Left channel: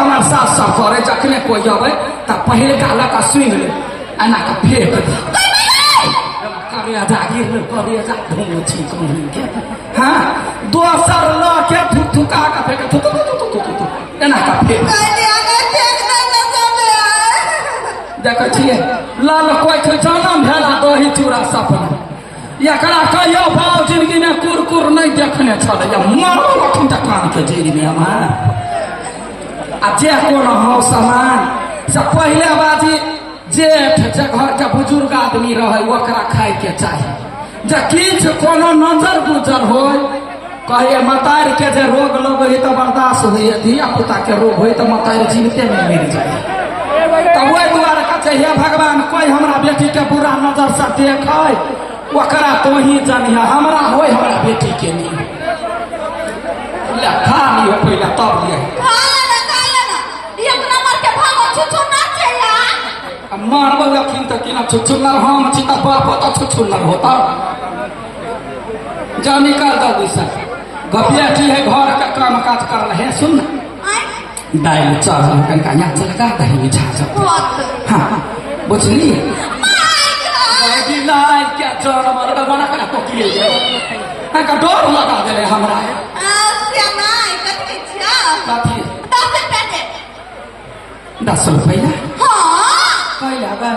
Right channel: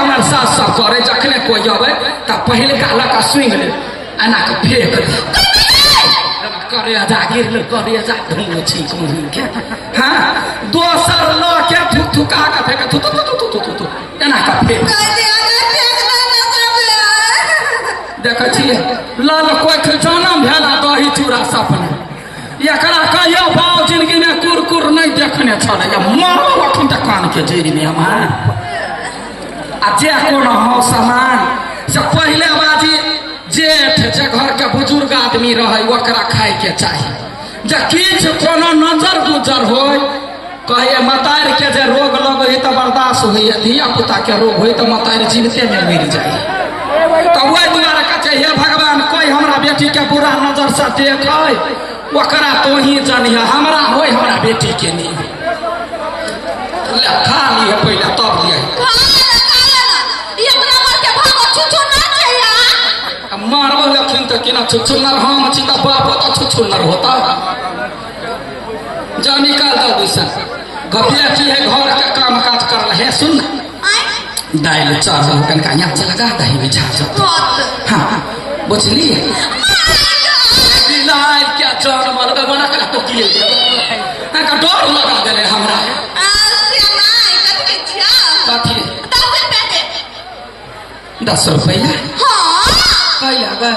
हमारे साथ सब करे जखने कोई आवे तो पहले गाला का स्विंग ले एना के फेंक दे करे जागिर ले करे जा ढूंढो ठीक मुंह के हां दोसर ल के थुका के फेंक थु एना का फेंक देखै छियै लाल कोई के जन्म भेला दही चूड़ा सपना एकरा कहियो बाबू जिंदगी में कुरकुर नहीं देखने छले या मारो अखन तक कान के जरी में हमारा आ जे कोन हो सामान से पहले बाजी जेठ जे घर के बुजुर्ग आदमी रहे ओकरा खाए के चाहिए जे किछ कोनो नजर गुजर होय कहे मतार के जे रोग लगे है तो बर्दाश्त होय धिया पुता के रोग होय तो मतार जीवते में मर जाए तो ओइ दुआरे कहे हे भगवान कोई हमरा बेटी के बुरा नजर से देखे ओकरा तो ही जानिया हमरा होय हमरा बेटी के नहीं ले खा लिए पहले तब लिए मारब लखन तो कि ना छुछुन्नर हम छी तो बाप तो छुछुन्नर होता जा निकाल दा दूसरा गपिया छी है घर का काम काज कर है सुन दाल चावल कनका यहाँ से लगा दही में झाड़ हाँ बुझली बिलाई क्या चोर मार के बना के तो किले का डर लगा देले हमरा कथी 10 रुपया हाँ कहिया गए